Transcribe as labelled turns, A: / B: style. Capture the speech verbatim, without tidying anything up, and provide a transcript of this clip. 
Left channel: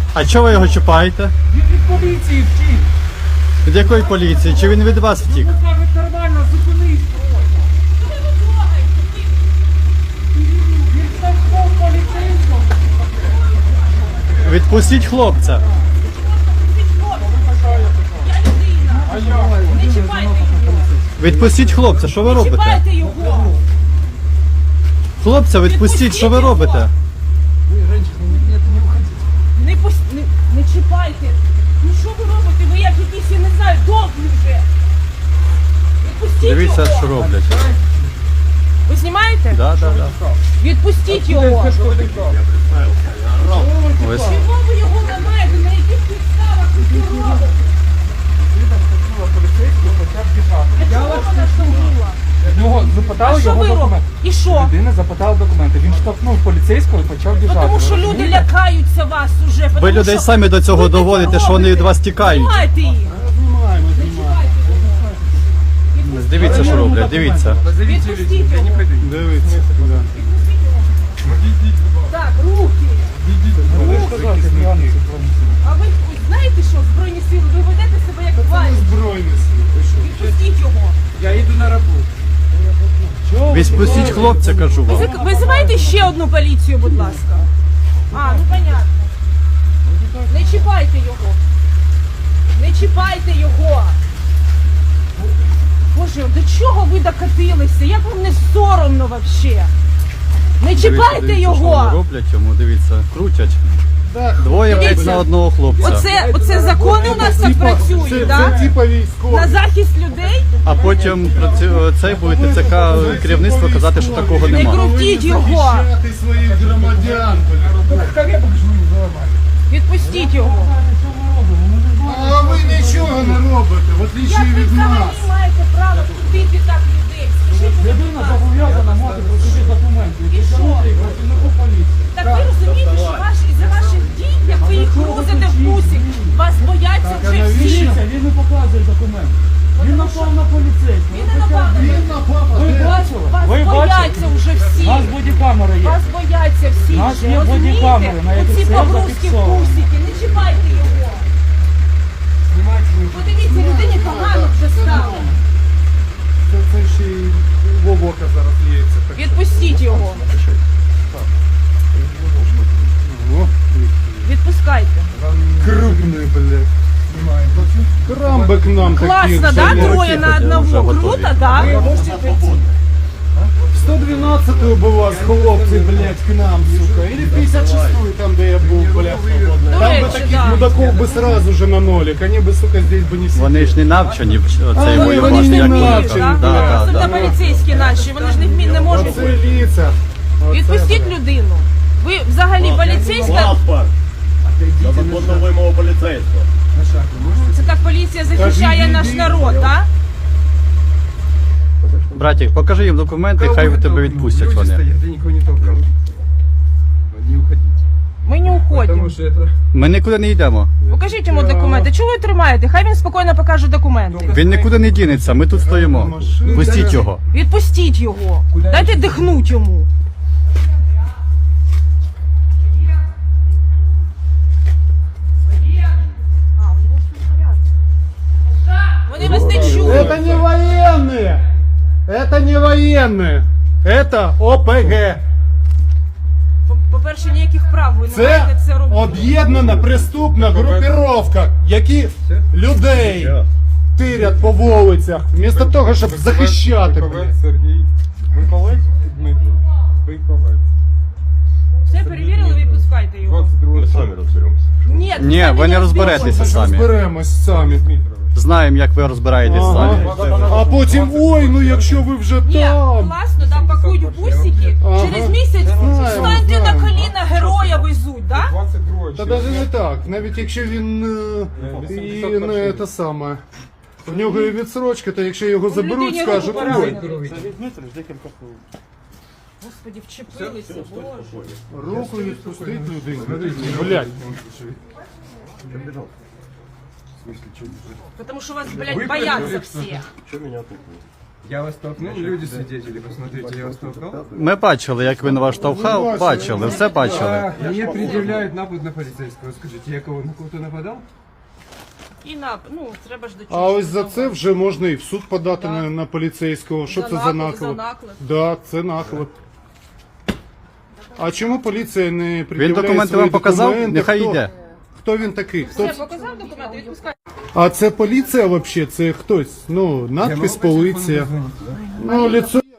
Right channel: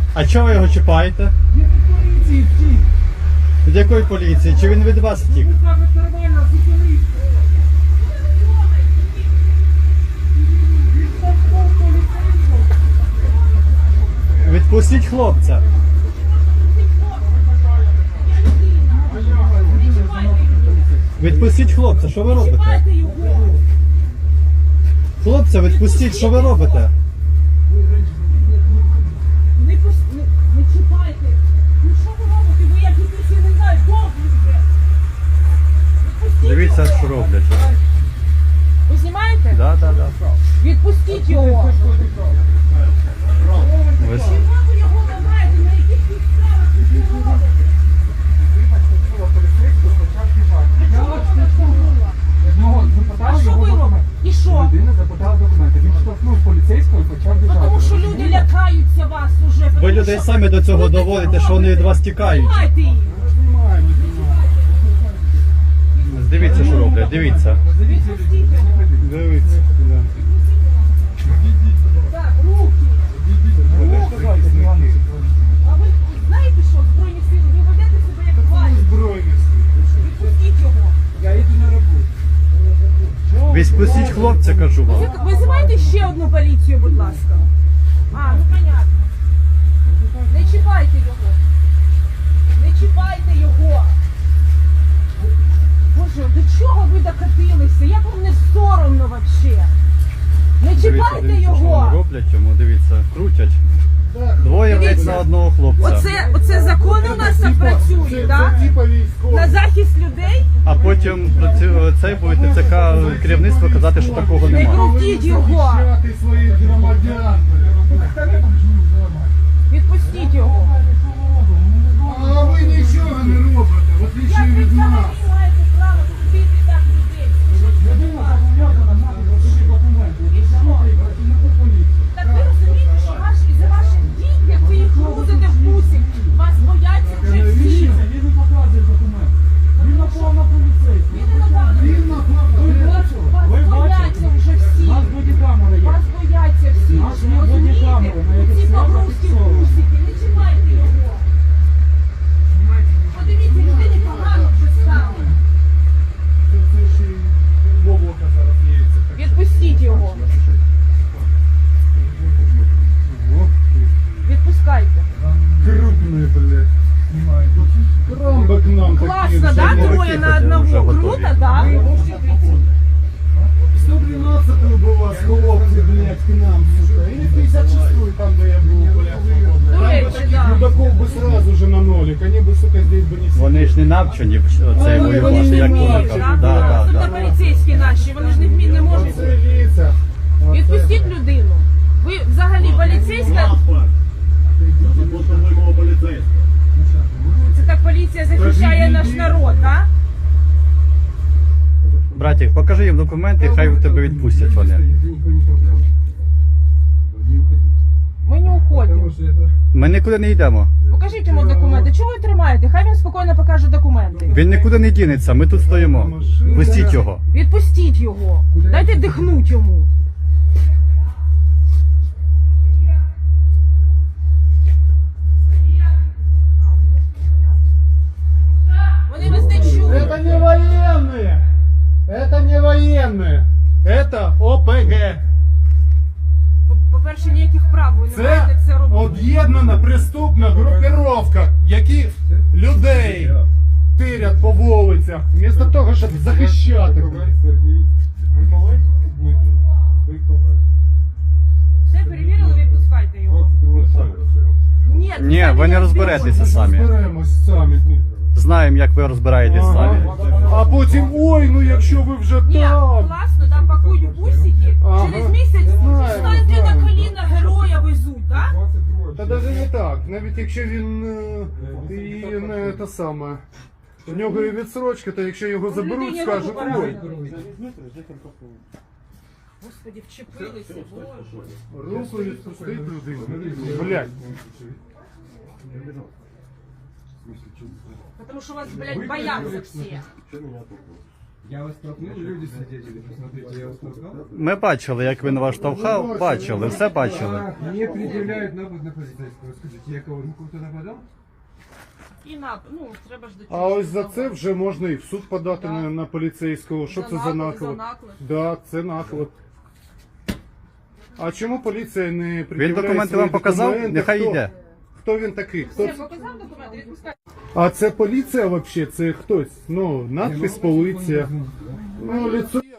A: А чого ви його чіпаєте?
B: Він від поліції втік.
A: Від якої поліції? Чи він від вас втік?
B: Ну кажуть, нормально, зупинись просто. Він штовхнув поліцейського.
A: Відпустіть хлопця.
C: Не чіпайте його.
A: Відпустіть хлопця, що ви робите?
C: Чіпайте його.
A: Хлопця, відпустіть, що ви робите?
C: Не, пус... не, не чіпайте. Ну що ви робите? Ви як якісь, я не знаю, довгі вже. Відпустіть
A: Дивіться,
C: його.
A: що роблять.
C: Ви знімаєте?
A: Да, да, да.
C: Відпустіть його.
A: Ось.
C: Чого ви його ламаєте? На яких підставах ви це робите?
B: Поліцейський почав біжати.
C: Я вас не штовхнула.
B: Його
C: А
B: запитали
C: що
B: його
C: ви робите?
B: документи.
C: І що?
B: Людина запитала документи. Він штовхнув поліцейського і почав
C: Ну,
B: біжати.
C: тому
B: Ви
C: що люди
B: розумієте?
C: лякаються вас уже.
A: Ви
C: тому
A: людей
C: що
A: самі до цього
C: ви таке
A: доводите, що вони від
C: робите.
A: вас тікають.
C: Знімайте їх.
B: Знімаємо,
C: Не
B: знімаємо.
C: чіпайте.
A: Дивіться, що роблять, дивіться.
C: Відпустіть його.
A: Дивіться.
C: Так, руки. А ви знаєте що, Збройні сили, ви ведете себе як тварі.
D: Збройні сили. Ви що?
C: Відпустіть його.
B: Я йду на роботу.
A: Відпустіть хлопця, кажу вам.
C: Визик- Визивайте ще одну поліцію, будь ласка. А, ну понятно. Не чіпайте його. Не чіпайте його. Боже, до чого ви докатилися? Як вам не соромно вообще? Не
A: Дивіться,
C: чіпайте
A: дивіться, що вони
C: його.
A: роблять йому, дивіться, крутять. Двоє, блядь,
C: Дивіться.
A: на одного хлопця.
C: Оце, оце закони у нас так працюють,
D: Це,
C: да?
D: це типа військові.
C: На захист людей?
A: А потім працю- цей буде ТЦК керівництво казати, що такого
C: Не
A: нема.
C: крутіть його.
D: Захищати своїх громадян, блядь.
C: Відпустіть його.
D: А ви нічого не робите, в отличие
C: Як ви
D: від
C: взагалі
D: нас.
C: маєте право крутити так людей? Скажіть, будь
B: Людина
C: ласка.
B: зобов'язана мати про собі документи.
C: І що?
B: Працівнику поліції.
C: Так ви розумієте, що ваш, із-за ваших дій, як ви їх грузите в бусик, вас бояться вже всі.
B: Дивіться, він не показує документи. Він напав на поліцейського.
C: Він не напав на
D: Він напав,
B: Ви
D: де?
B: бачили?
C: Вас
B: Ви
C: бояться
B: бачили?
C: вже
B: У
C: всі.
B: нас бодікамери є.
C: Вас бояться всі.
B: У нас
C: вже,
B: є
C: розумієте?
B: бодікамери, на яких
C: Оці
B: все
C: погрузки в
B: зафіксовано.
C: бусики, не чіпайте його. Подивіться, людині погано вже стало.
D: Це, це ще й вовока зараз ліється. Так.
C: Відпустіть його.
D: О,
C: Відпускайте.
D: крупний, блядь. Крамби к нам такі.
C: Класно, да? Двоє на
A: вже
C: одного.
A: готові.
C: Круто, да?
D: сто дванадцятую бы вас, хлопці, блядь, к нам, сука. Или пятьдесят шестую, там, де я був, блядь, свободно.
C: До
D: Там
C: речі,
D: бы таких
C: да.
D: мудаков бы сразу же на нолик. Они бы, сука, здесь бы не сидели.
A: Вони ж не навчені в цей
D: А,
A: воювати,
D: вони ж не
A: як
D: вміють,
A: вони
C: Вміють,
A: кажуть.
C: да?
A: Да, да,
C: Особливо
A: да.
C: поліцейські наші, вони ж не вміють, не можуть.
D: Оце лица. Оце,
C: Відпустіть людину. Ви взагалі поліцейська,
E: За законну вимогу поліцейського.
C: це так поліція захищає наш народ, так?
A: Братик, покажи їм документи, хай тебе відпустять вони.
F: Я никого не толкал. Не уходите.
C: Ми не уходимо.
F: Потому что это...
A: Ми нікуди не йдемо.
C: Покажіть йому документи. Чого ви тримаєте? Хай він спокійно покаже документи.
A: Він нікуди не дінеться, ми тут стоїмо. Пустіть його.
C: Відпустіть його. Дайте дихнуть йому. Вони вас не чують.
D: Это не военные. Это не военные. Это ОПГ.
C: По- По-перше, ніяких прав ви не маєте
D: Це
C: це робити.
D: об'єднана преступна групіровка, які людей тирять по вулицях, вмісто того, щоб захищати. блядь.
F: Сергій. Миколаїв Дмитро. Биковець.
C: Все перевірили, відпускайте його.
F: двадцять другого
E: Самі розберемося.
C: Ні,
A: Ні, ви не розберетеся самі.
D: Розберемось самі.
A: Знаємо, як ви розбираєтесь самі.
D: Ага. А потім, ой, ну якщо ви вже
C: Ні,
D: там.
C: класно, да, пакують бусики.
D: Ага.
C: Через місяць
D: Знаємо,
C: станьте
D: знаємо.
C: на коліна, героя везуть, да?
F: двадцять другого
D: Та навіть не так, навіть якщо він е, і не те саме. В нього і відсрочка, то якщо його заберуть,
C: людині
D: скажуть,
C: руку
D: ой,
C: поранили. Господи, вчепилися, боже.
D: руку відпустить людину. Блядь.
C: Тому що вас, блядь, бояться всі.
E: Що мене тут?
F: Я вас толкнул, люди свидетели, посмотрите, я вас толкал.
A: Ми бачили, як він вас штовхав, бачили, все бачили.
F: А, мне предъявляют напад на полицейского. Скажите, я кого, на кого-то нападал?
C: І на, ну, треба ж до
D: А ось за це вже можна і в суд подати
C: Да.
D: на, на поліцейського. Що
C: За
D: це за
C: наклеп, за
D: наклеп?
C: наклеп.
D: Да, це наклеп. А чому поліція не пред'являє
A: Він документи
D: свої
A: вам показав?
D: документи?
A: Нехай
D: Хто-
A: йде.
D: Хто він такий? Хто
C: Все,
D: це?
C: показав документи, відпускай.
D: А це поліція взагалі? Це хтось? Ну,
F: Я
D: надпис
F: могу по телефону
D: поліція.
F: позвонить, да?
D: Ну, лицо